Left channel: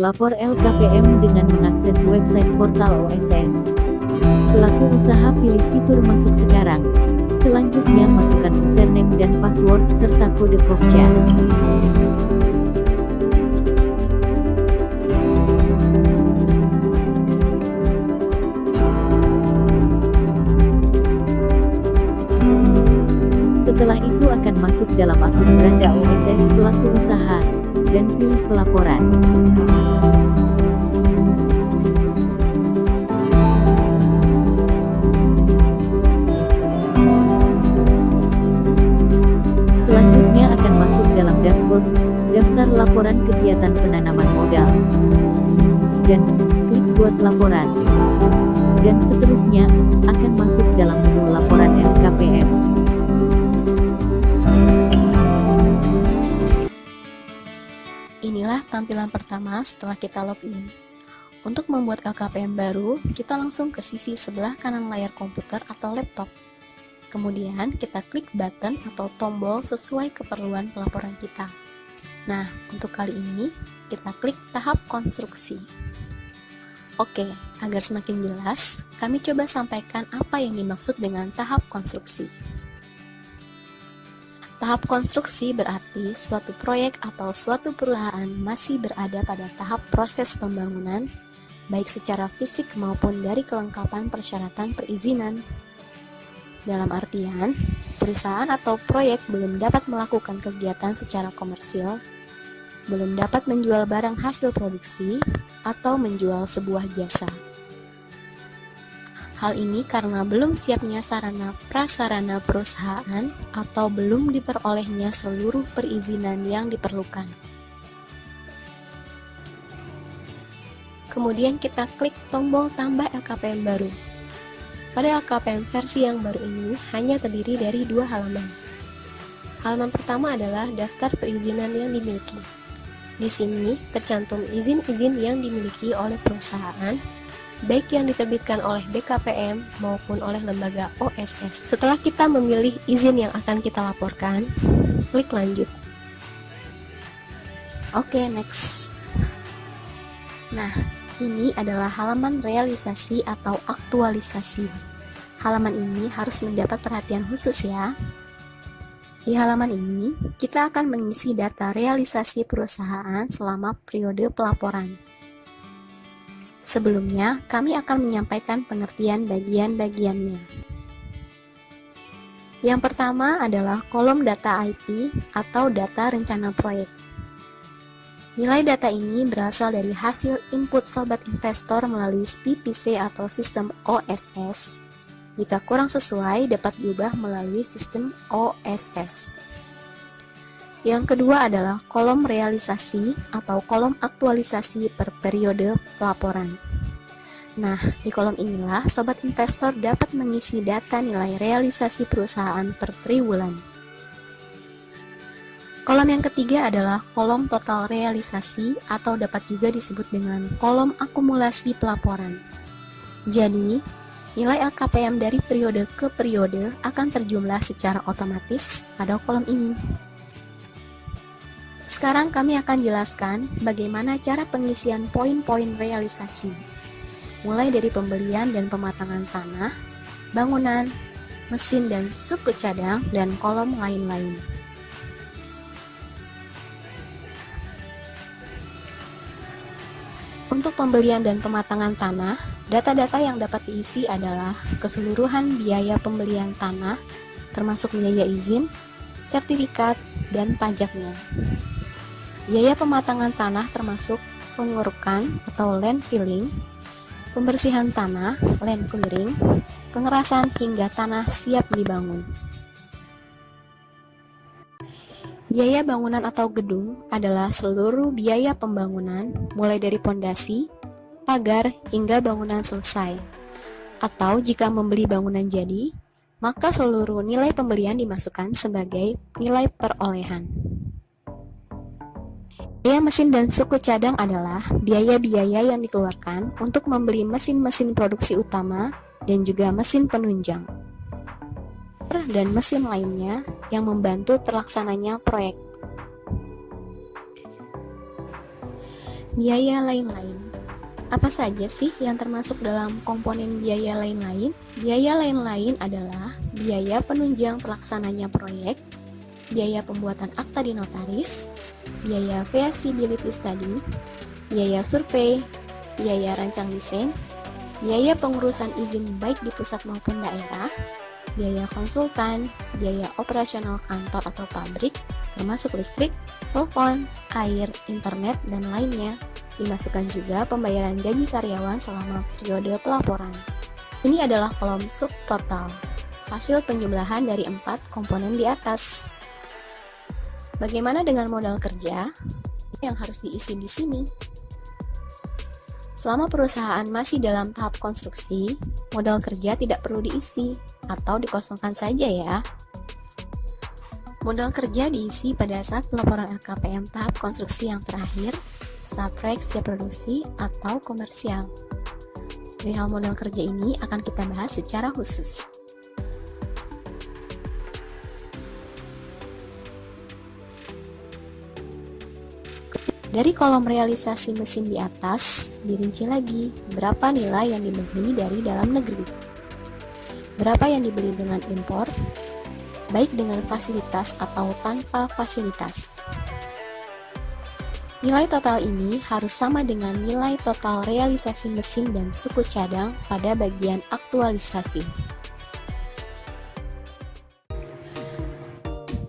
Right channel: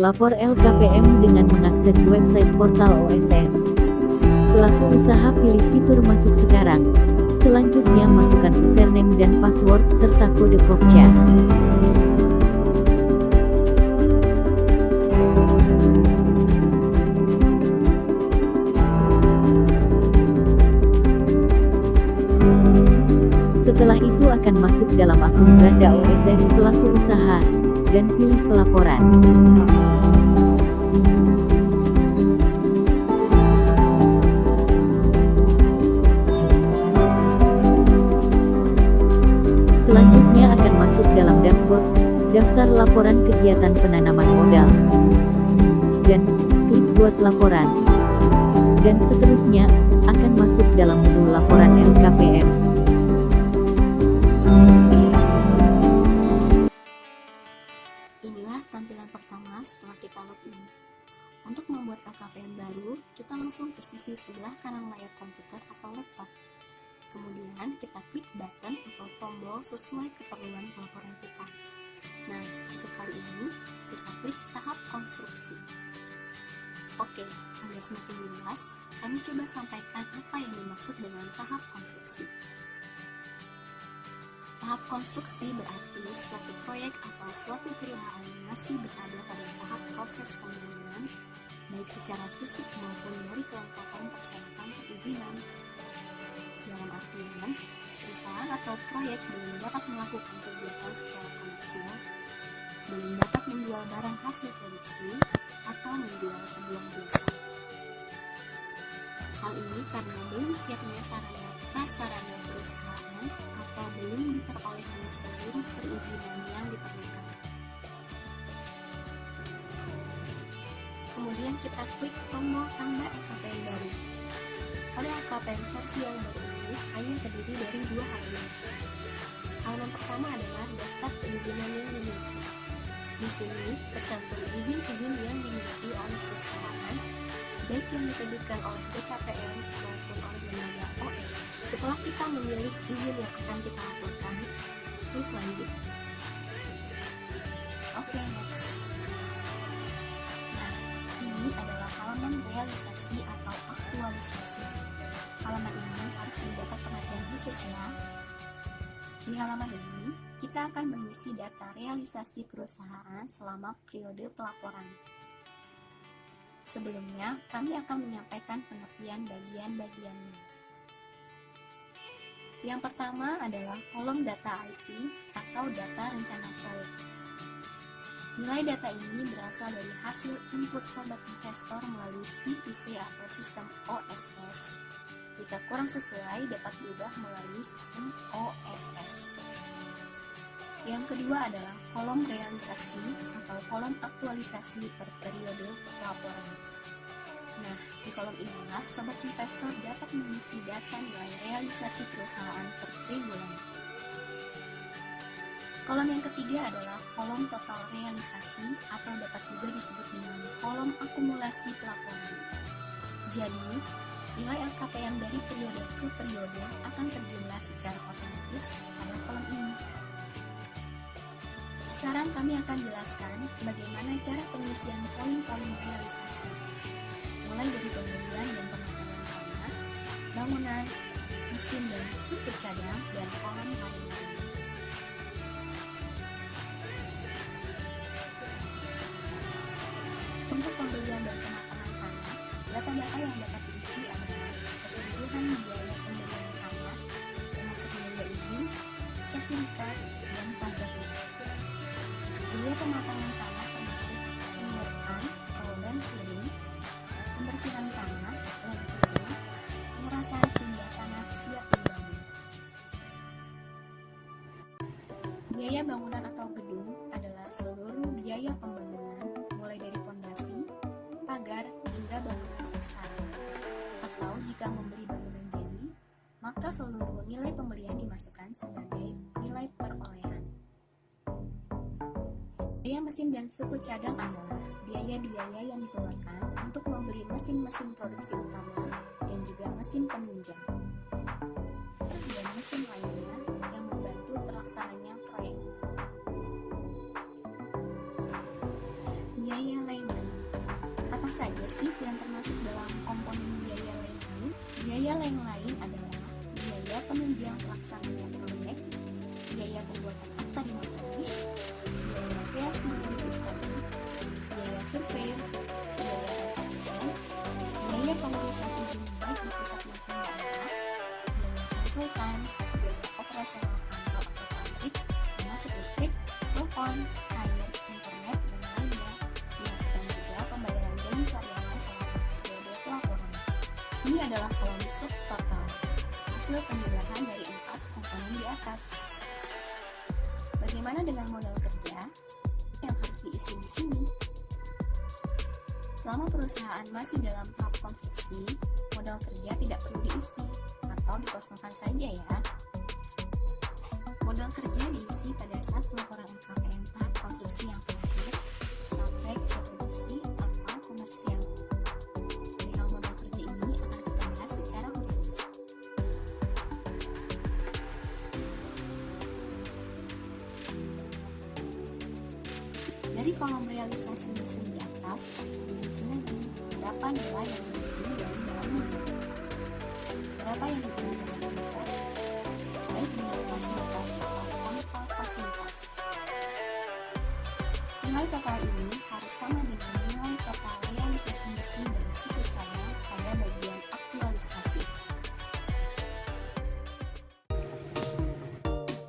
Lapor LKPM dengan mengakses website portal OSS. Pelaku usaha pilih fitur masuk sekarang. Selanjutnya masukkan username dan password serta kode CAPTCHA. Setelah itu akan masuk dalam akun beranda OSS pelaku usaha dan pilih pelaporan. Selanjutnya akan masuk dalam dashboard, daftar laporan kegiatan penanaman modal, dan klik buat laporan. Dan seterusnya, akan masuk dalam menu laporan LKPM. Inilah tampilan pertama setelah kita login. Untuk membuat LKPM baru, kita langsung ke sisi sebelah kanan layar komputer atau laptop. Kemudian kita klik button atau tombol sesuai keperluan pelaporan kita. Nah, untuk kali ini kita klik tahap konstruksi. Oke, agar semakin jelas, kami coba sampaikan apa yang dimaksud dengan tahap konstruksi. Tahap konstruksi berarti suatu proyek atau suatu perusahaan masih berada pada tahap proses pembangunan, baik secara fisik maupun dari kelengkapan persyaratan perizinan. Dalam artian, perusahaan atau proyek belum dapat melakukan kegiatan secara komersil, belum dapat menjual barang hasil produksi, atau menjual sebuah jasa. Hal ini karena belum siapnya sarana prasarana perusahaan atau belum diperolehnya seluruh perizinan yang diperlukan. Kemudian kita klik tombol tambah LKPM baru. Pada LKPM versi yang baru ini hanya terdiri dari 2 halaman. Halaman pertama adalah daftar perizinan yang dimiliki. Di sini tercantum izin-izin yang dimiliki oleh perusahaan, baik yang diterbitkan oleh BKPM maupun oleh lembaga OSS. Setelah kita memilih izin yang akan kita laporkan, klik lanjut. Oke, next. Nah, ini adalah halaman realisasi atau aktualisasi. Halaman ini harus mendapat perhatian khusus ya. Di halaman ini, kita akan mengisi data realisasi perusahaan selama periode pelaporan. Sebelumnya, kami akan menyampaikan pengertian bagian-bagiannya. Yang pertama adalah kolom data IP atau data rencana proyek. Nilai data ini berasal dari hasil input sobat investor melalui PPC atau sistem OSS. Jika kurang sesuai, dapat diubah melalui sistem OSS. Yang kedua adalah kolom realisasi atau kolom aktualisasi per periode pelaporan. Nah, di kolom inilah sobat investor dapat mengisi data nilai realisasi perusahaan per triwulan. Kolom yang ketiga adalah kolom total realisasi atau dapat juga disebut dengan kolom akumulasi pelaporan. Jadi, nilai LKPM dari periode ke periode akan terjumlah secara otomatis pada kolom ini. Sekarang kami akan jelaskan bagaimana cara pengisian poin-poin realisasi, mulai dari pembelian dan pematangan tanah, bangunan, mesin dan suku cadang, dan kolom lain-lain. Untuk pembelian dan pematangan tanah, data-data yang dapat diisi adalah keseluruhan biaya pembelian tanah, termasuk biaya izin, sertifikat, dan pajaknya. Biaya pematangan tanah termasuk pengurukan atau land filling, pembersihan tanah, land clearing, pengerasan hingga tanah siap dibangun. Biaya bangunan atau gedung adalah seluruh biaya pembangunan mulai dari pondasi, pagar, hingga bangunan selesai. Atau jika membeli bangunan jadi, maka seluruh nilai pembelian dimasukkan sebagai nilai perolehan. Biaya mesin dan suku cadang adalah biaya-biaya yang dikeluarkan untuk membeli mesin-mesin produksi utama dan juga mesin penunjang, dan mesin lainnya yang membantu terlaksananya proyek. Biaya lain-lain. Apa saja sih yang termasuk dalam komponen biaya lain-lain? Biaya lain-lain adalah biaya penunjang pelaksananya proyek, biaya pembuatan akta di notaris, biaya feasibility study, biaya survei, biaya rancang desain, biaya pengurusan izin baik di pusat maupun daerah, biaya konsultan, biaya operasional kantor atau pabrik, termasuk listrik, telepon, air, internet, dan lainnya. Dimasukkan juga pembayaran gaji karyawan selama periode pelaporan. Ini adalah kolom subtotal, hasil penjumlahan dari 4 komponen di atas. Bagaimana dengan modal kerja yang harus diisi di sini? Selama perusahaan masih dalam tahap konstruksi, modal kerja tidak perlu diisi atau dikosongkan saja ya. Modal kerja diisi pada saat pelaporan LKPM tahap konstruksi yang terakhir, saat proyek siap produksi atau komersial. Perihal modal kerja ini akan kita bahas secara khusus. Dari kolom realisasi mesin di atas, dirinci lagi berapa nilai yang dibeli dari dalam negeri, berapa yang dibeli dengan impor, baik dengan fasilitas atau tanpa fasilitas. Nilai total ini harus sama dengan nilai total realisasi mesin dan suku cadang pada bagian aktualisasi.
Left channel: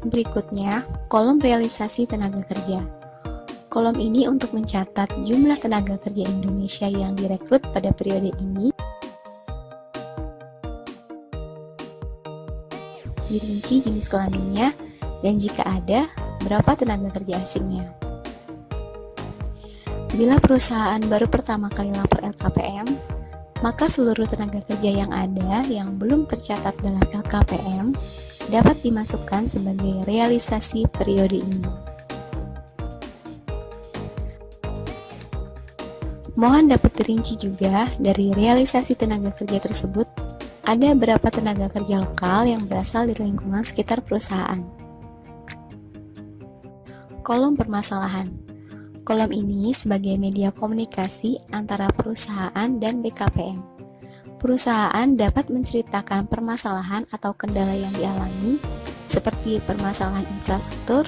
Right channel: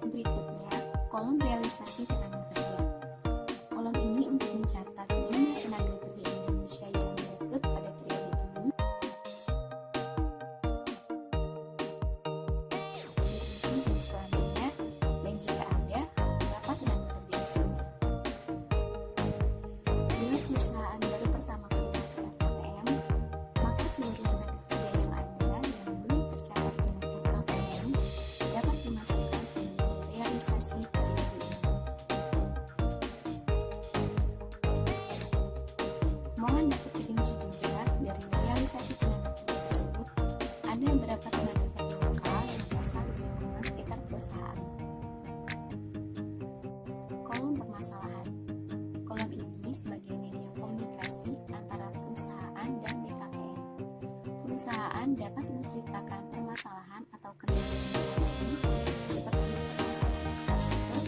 Berikutnya, kolom realisasi tenaga kerja. Kolom ini untuk mencatat jumlah tenaga kerja Indonesia yang direkrut pada periode ini. Dirinci jenis kelaminnya dan jika ada, berapa tenaga kerja asingnya. Bila perusahaan baru pertama kali lapor LKPM, maka seluruh tenaga kerja yang ada yang belum tercatat dalam LKPM dapat dimasukkan sebagai realisasi periode ini. Mohon dapat dirinci juga dari realisasi tenaga kerja tersebut, ada berapa tenaga kerja lokal yang berasal dari lingkungan sekitar perusahaan. Kolom permasalahan. Kolom ini sebagai media komunikasi antara perusahaan dan BKPM. Perusahaan dapat menceritakan permasalahan atau kendala yang dialami, seperti permasalahan infrastruktur,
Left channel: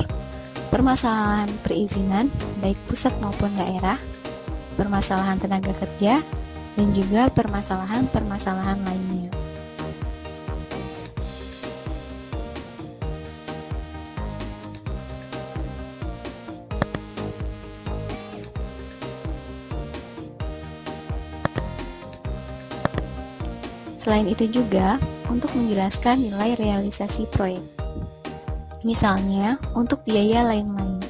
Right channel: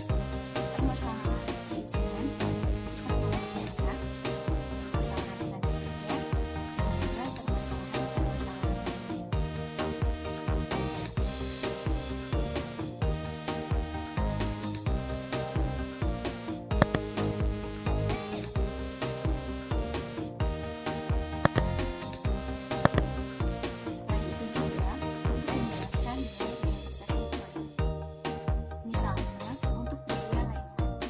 permasalahan perizinan, baik pusat maupun daerah, permasalahan tenaga kerja, dan juga permasalahan-permasalahan lainnya. Selain itu juga, untuk menjelaskan nilai realisasi proyek. Misalnya, untuk biaya lain-lain,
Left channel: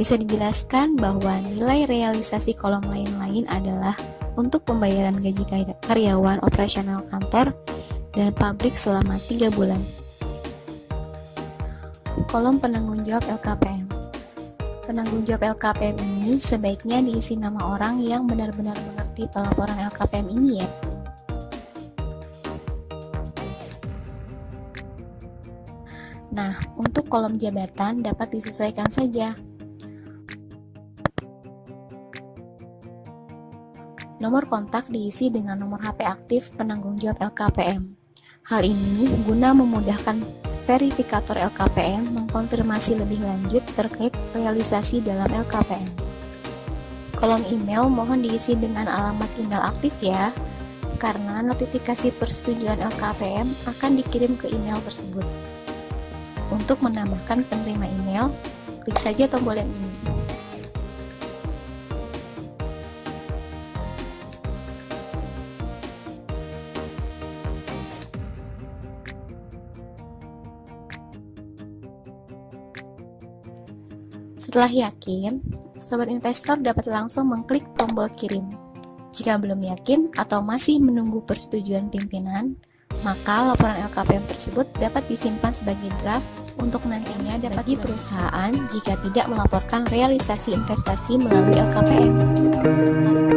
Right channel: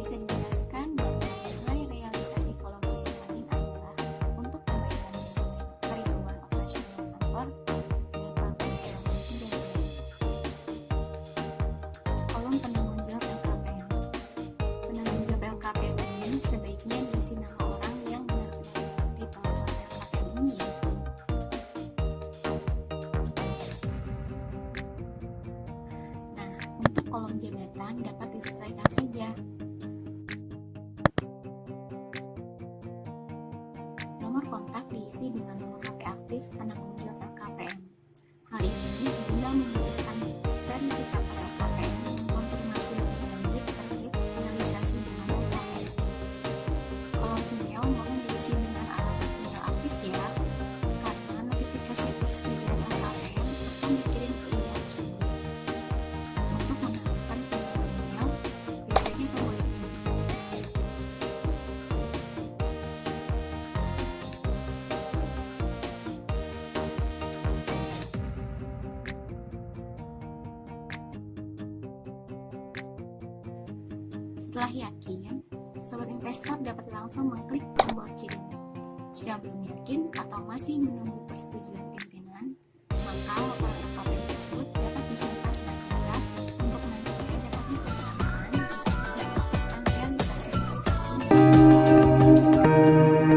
bisa dijelaskan bahwa nilai realisasi kolom lain-lain adalah untuk pembayaran gaji karyawan operasional kantor dan pabrik selama 3 bulan. Kolom penanggung jawab LKPM. Penanggung jawab LKPM ini sebaiknya diisi nama orang yang benar-benar mengerti pelaporan LKPM ini ya. Nah, untuk kolom jabatan dapat disesuaikan saja. Nomor kontak diisi dengan nomor HP aktif penanggung jawab LKPM. Hal ini guna memudahkan verifikator LKPM mengkonfirmasi lebih lanjut terkait realisasi dalam LKPM. Kolom email mohon diisi dengan alamat email aktif ya, karena notifikasi persetujuan LKPM akan dikirim ke email tersebut. Untuk menambahkan penerima email, klik saja tombol yang ini. Setelah yakin, sobat investor dapat langsung mengklik tombol kirim. Jika belum yakin atau masih menunggu persetujuan pimpinan, maka laporan LKPM tersebut dapat disimpan sebagai draft untuk nantinya dapat di perusahaan jika tidak melaporkan realisasi investasi melalui LKPM.